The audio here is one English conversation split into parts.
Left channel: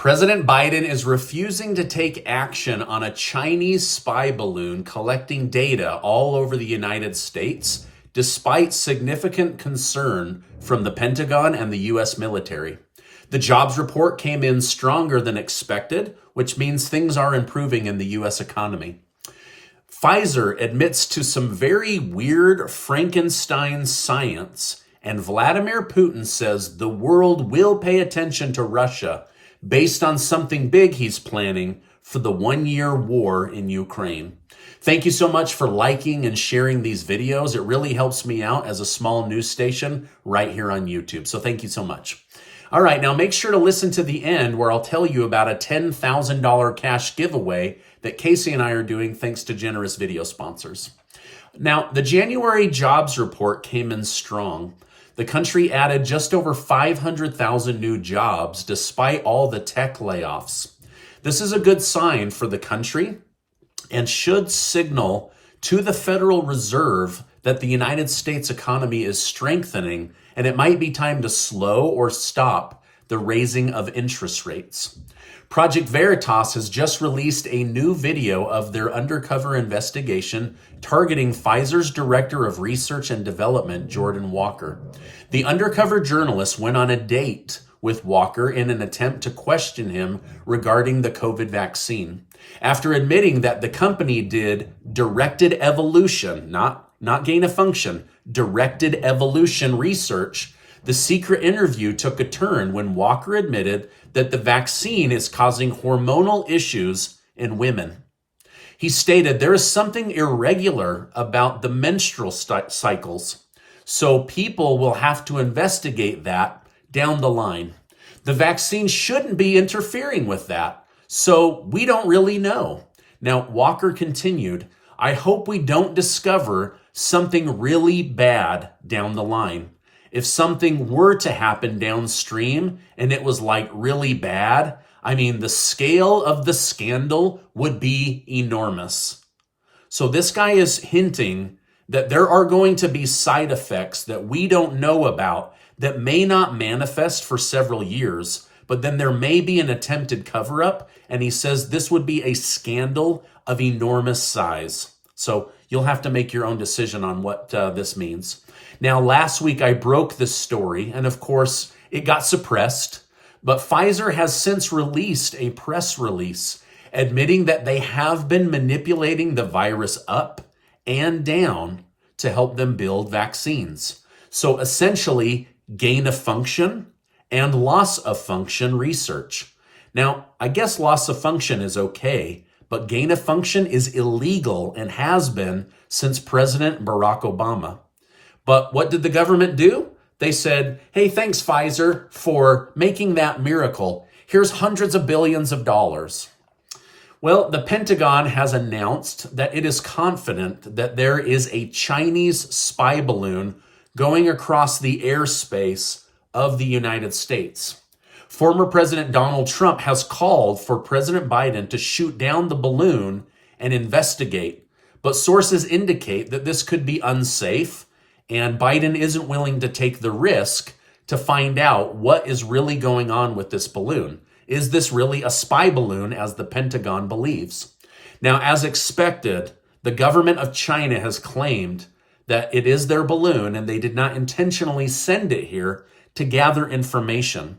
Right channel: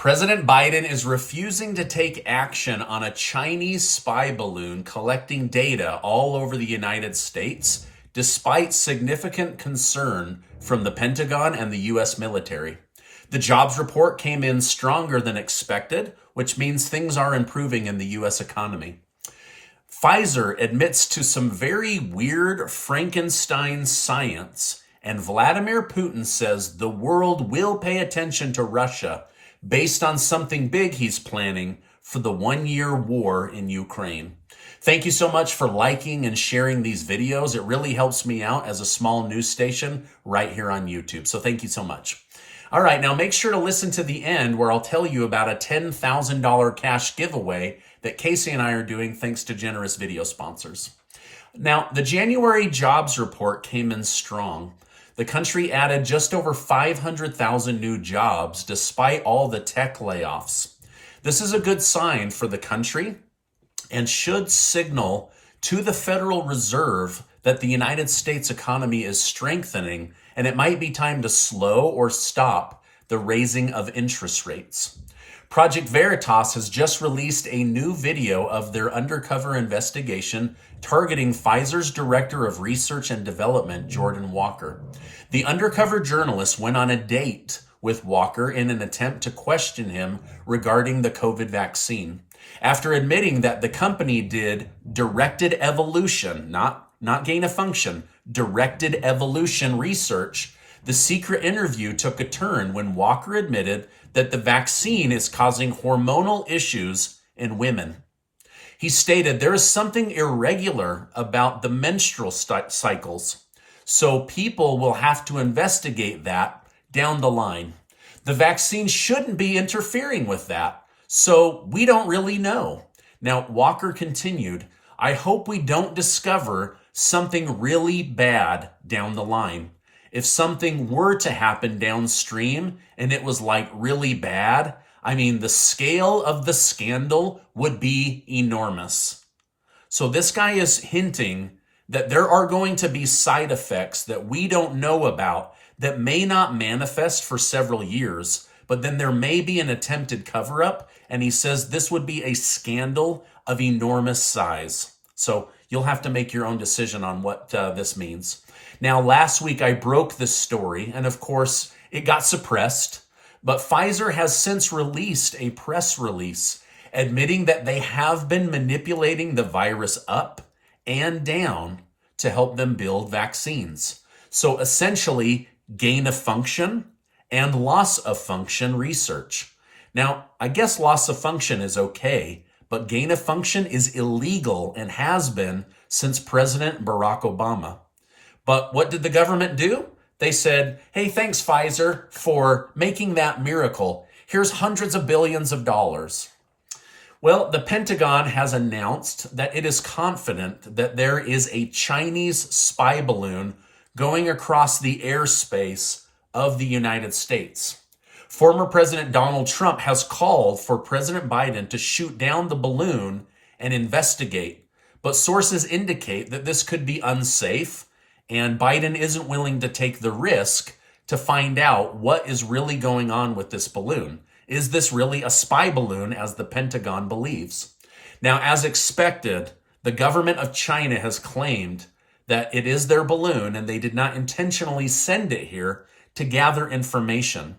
President Biden is refusing to take action on a Chinese spy balloon collecting data all over the United States, despite significant concern from the Pentagon and the U.S. military. The jobs report came in stronger than expected, which means things are improving in the U.S. economy. Pfizer admits to some very weird Frankenstein science, and Vladimir Putin says the world will pay attention to Russia based on something big he's planning for the one-year war in Ukraine. Thank you so much for liking and sharing these videos. It really helps me out as a small news station right here on YouTube. So thank you so much. All right, now make sure to listen to the end where I'll tell you about a $10,000 cash giveaway that Casey and I are doing thanks to generous video sponsors. Now, the January jobs report came in strong. The country added just over 500,000 new jobs despite all the tech layoffs. This is a good sign for the country and should signal to the Federal Reserve that the United States economy is strengthening and it might be time to slow or stop the raising of interest rates. Project Veritas has just released a new video of their undercover investigation targeting Pfizer's Director of Research and Development, Jordan Walker. The undercover journalist went on a date with Walker in an attempt to question him regarding the COVID vaccine. After admitting that the company did directed evolution, not gain of function, directed evolution research, the secret interview took a turn when Walker admitted that the vaccine is causing hormonal issues in women. He stated there is something irregular about the menstrual cycles, so people will have to investigate that down the line. The vaccine shouldn't be interfering with that, so we don't really know. Now, Walker continued, I hope we don't discover something really bad down the line. If something were to happen downstream and it was like really bad, I mean, the scale of the scandal would be enormous. So this guy is hinting that there are going to be side effects that we don't know about that may not manifest for several years, but then there may be an attempted cover-up, and he says this would be a scandal of enormous size. So you'll have to make your own decision on what this means. Now, last week I broke this story, and of course, it got suppressed, but Pfizer has since released a press release admitting that they have been manipulating the virus up and down to help them build vaccines. So essentially, gain of function and loss of function research. Now, I guess loss of function is okay, but gain of function is illegal and has been since President Barack Obama. But what did the government do? They said, hey, thanks, Pfizer, for making that miracle. Here's hundreds of billions of dollars. Well, the Pentagon has announced that it is confident that there is a Chinese spy balloon going across the airspace of the United States. Former President Donald Trump has called for President Biden to shoot down the balloon and investigate. But sources indicate that this could be unsafe, and Biden isn't willing to take the risk to find out what is really going on with this balloon. Is this really a spy balloon, as the Pentagon believes? Now, as expected, the government of China has claimed that it is their balloon and they did not intentionally send it here to gather information.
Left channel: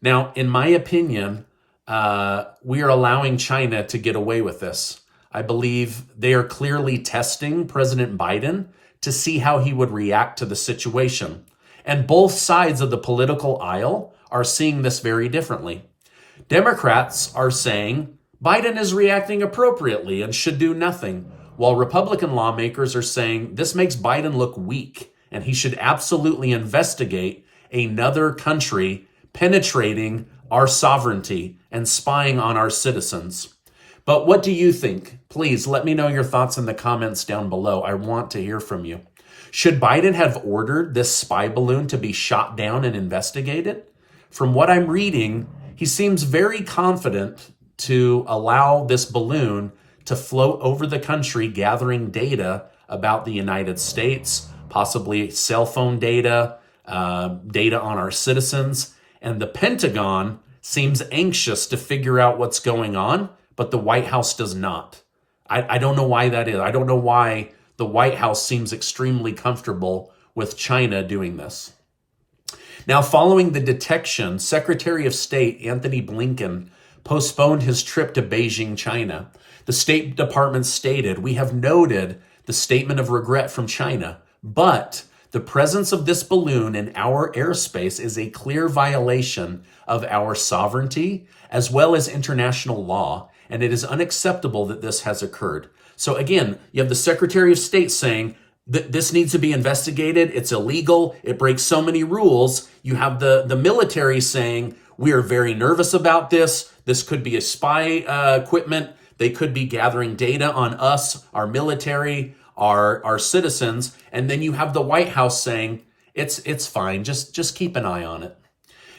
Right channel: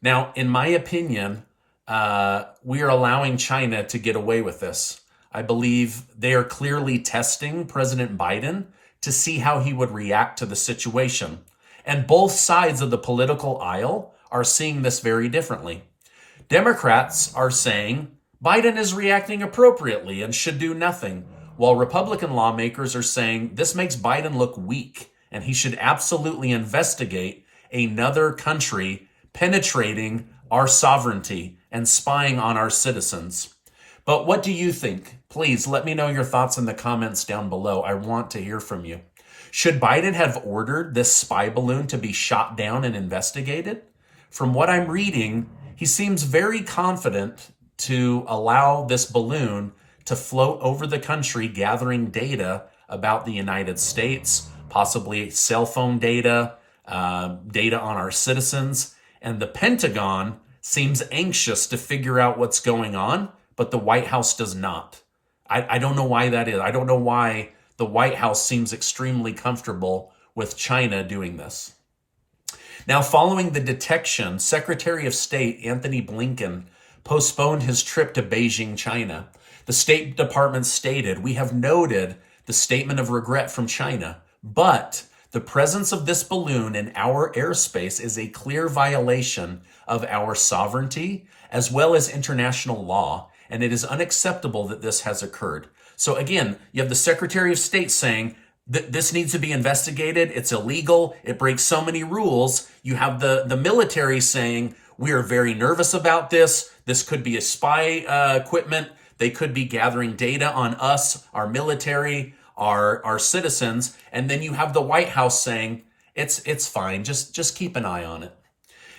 Now, in my opinion, we are allowing China to get away with this. I believe they are clearly testing President Biden to see how he would react to the situation. And both sides of the political aisle are seeing this very differently. Democrats are saying Biden is reacting appropriately and should do nothing, while Republican lawmakers are saying this makes Biden look weak and he should absolutely investigate another country penetrating our sovereignty and spying on our citizens. But what do you think? Please let me know your thoughts in the comments down below. I want to hear from you. Should Biden have ordered this spy balloon to be shot down and investigated? From what I'm reading, he seems very confident to allow this balloon to float over the country, gathering data about the United States, possibly cell phone data, data on our citizens. And the Pentagon seems anxious to figure out what's going on, but the White House does not. I don't know why that is. I don't know why the White House seems extremely comfortable with China doing this. Now, following the detection, Secretary of State Anthony Blinken postponed his trip to Beijing, China. The State Department stated, "We have noted the statement of regret from China, but the presence of this balloon in our airspace is a clear violation of our sovereignty as well as international law, and it is unacceptable that this has occurred." So again, you have the Secretary of State saying that this needs to be investigated. It's illegal. It breaks so many rules. You have the military saying, we are very nervous about this. This could be a spy equipment. They could be gathering data on us, our military, our citizens. And then you have the White House saying, it's fine. Just keep an eye on it.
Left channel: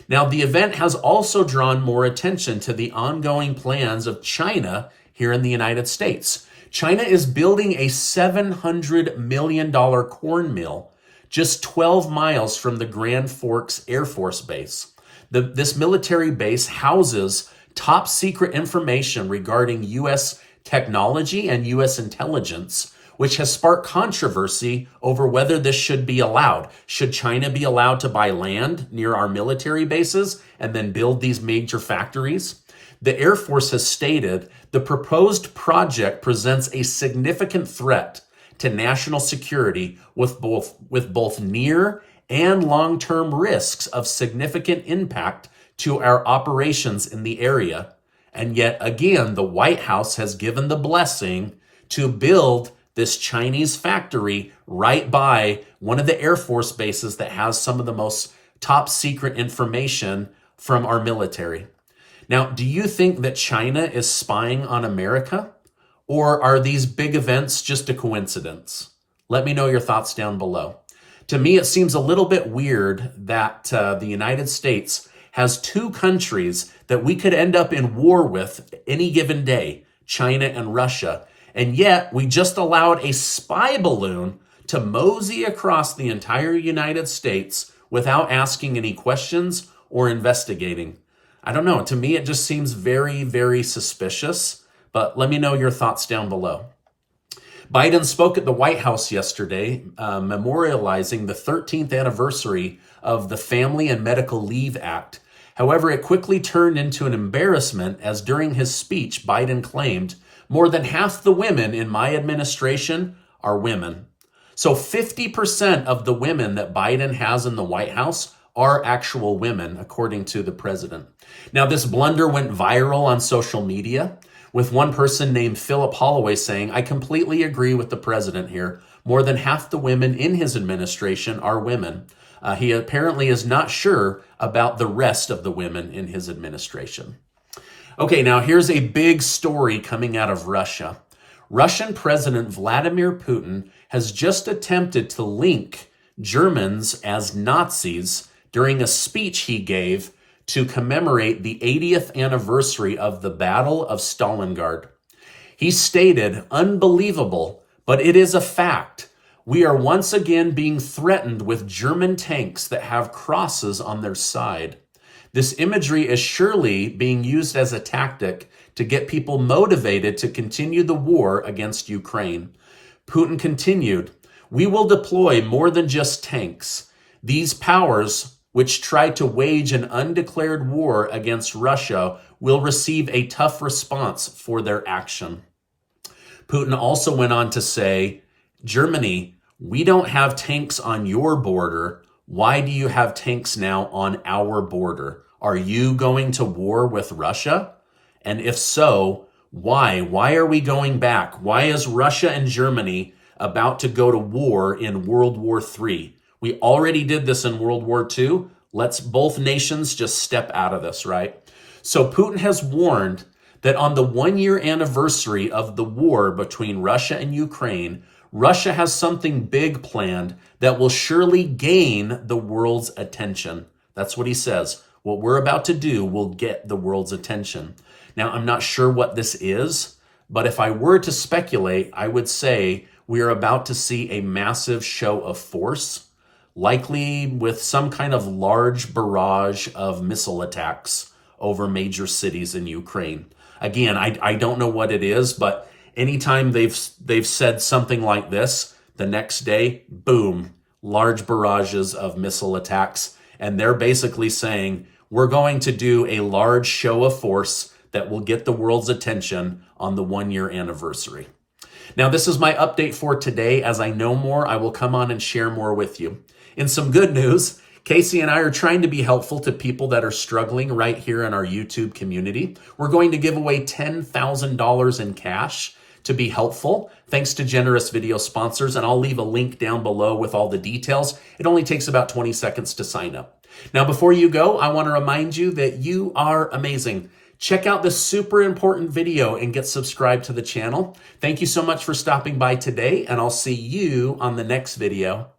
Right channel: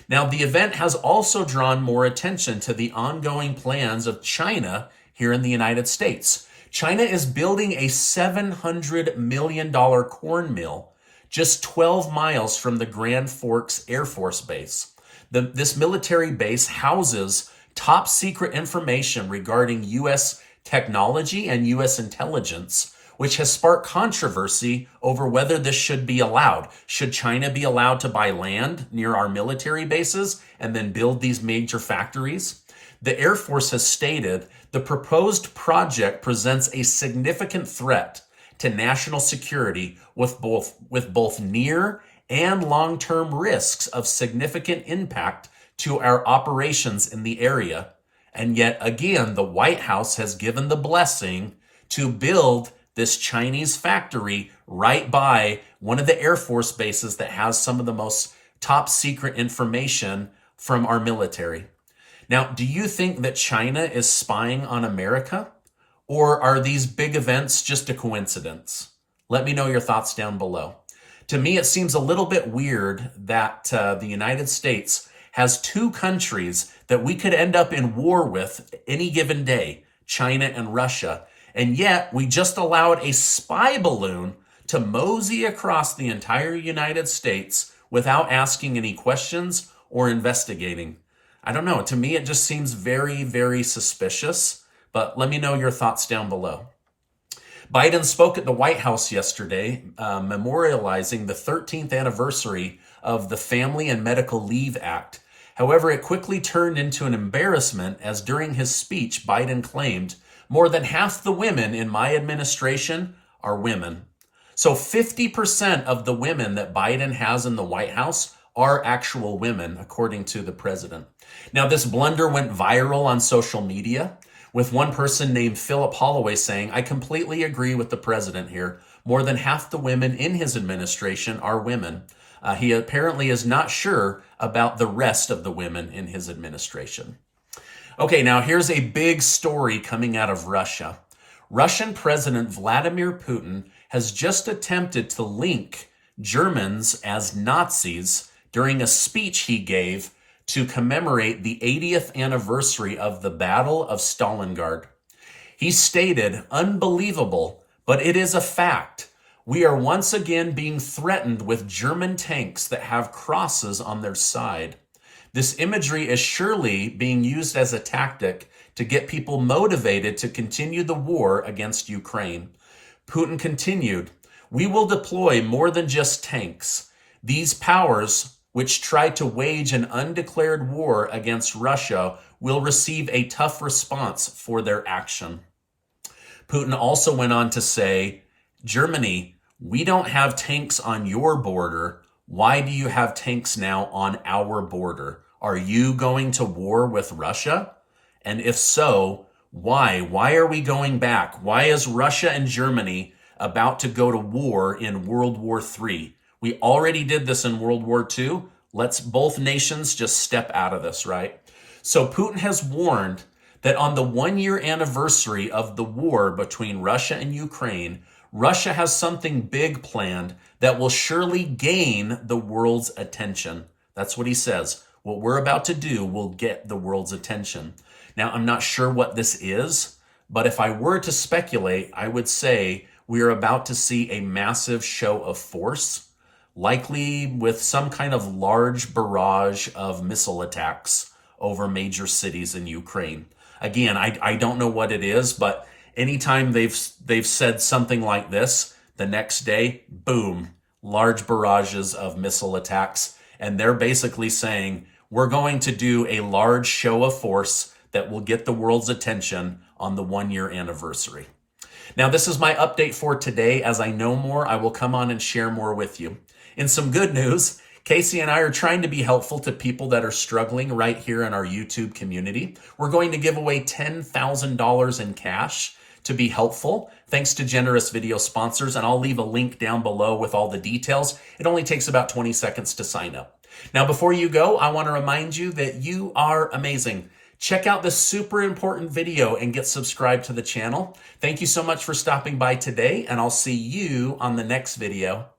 Now, the event has also drawn more attention to the ongoing plans of China here in the United States. China is building a $700 million corn mill just 12 miles from the Grand Forks Air Force Base. This military base houses top secret information regarding U.S. technology and U.S. intelligence, which has sparked controversy over whether this should be allowed. Should China be allowed to buy land near our military bases and then build these major factories? The Air Force has stated the proposed project presents a significant threat to national security with both near and long-term risks of significant impact to our operations in the area. And yet again, the White House has given the blessing to build this Chinese factory right by one of the Air Force bases that has some of the most top secret information from our military. Now, do you think that China is spying on America? Or are these big events just a coincidence? Let me know your thoughts down below. To me, it seems a little bit weird that the United States has two countries that we could end up in war with any given day, China and Russia. And yet we just allowed a spy balloon to mosey across the entire United States without asking any questions or investigating. I don't know. To me, it just seems very, very suspicious. But let me know your thoughts down below. Biden spoke at the White House yesterday, memorializing the 13th anniversary of the Family and Medical Leave Act. However, it quickly turned into an embarrassment as during his speech, Biden claimed, more than half the women in my administration are women. So 50% of the women that Biden has in the White House are actual women, according to the president. Now, this blunder went viral on social media, with one person named Philip Holloway saying, I completely agree with the president here. More than half the women in his administration are women. He apparently is not sure about the rest of the women in his administration. Okay, now here's a big story coming out of Russia. Russian President Vladimir Putin has just attempted to link Germans as Nazis during a speech he gave to commemorate the 80th anniversary of the Battle of Stalingrad. He stated, unbelievable, but it is a fact. We are once again being threatened with German tanks that have crosses on their side. This imagery is surely being used as a tactic to get people motivated to continue the war against Ukraine. Putin continued, we will deploy more than just tanks. These powers, which tried to wage an undeclared war against Russia, will receive a tough response for their action. Putin also went on to say, Germany, we don't have tanks on your border. Why do you have tanks now on our border? Are you going to war with Russia? And if so, why? Why are we going back? Why is Russia and Germany about to go to war in World War III? We already did this in World War II. Let's both nations just step out of this, right? So Putin has warned that on the 1-year anniversary of the war between Russia and Ukraine, Russia has something big planned that will surely gain the world's attention. That's what he says. What we're about to do will get the world's attention. Now, I'm not sure what this is, but if I were to speculate, I would say we are about to see a massive show of force, likely with some kind of large barrage of missile attacks over major cities in Ukraine. Again, I don't know what it is, but anytime they've said something like this, the next day, boom, large barrages of missile attacks. And they're basically saying, we're going to do a large show of force that will get the world's attention on the 1-year anniversary. Now, this is my update for today. As I know more, I will come on and share more with you. In some good news, Casey and I are trying to be helpful to people that are struggling right here in our YouTube community. We're going to give away $10,000 in cash to be helpful, thanks to generous video sponsors, and I'll leave a link down below with all the details. It only takes about 20 seconds to sign up. Now, before you go, I want to remind you that you are amazing. Check out this super important video and get subscribed to the channel. Thank you so much for stopping by today, and I'll see you on the next video.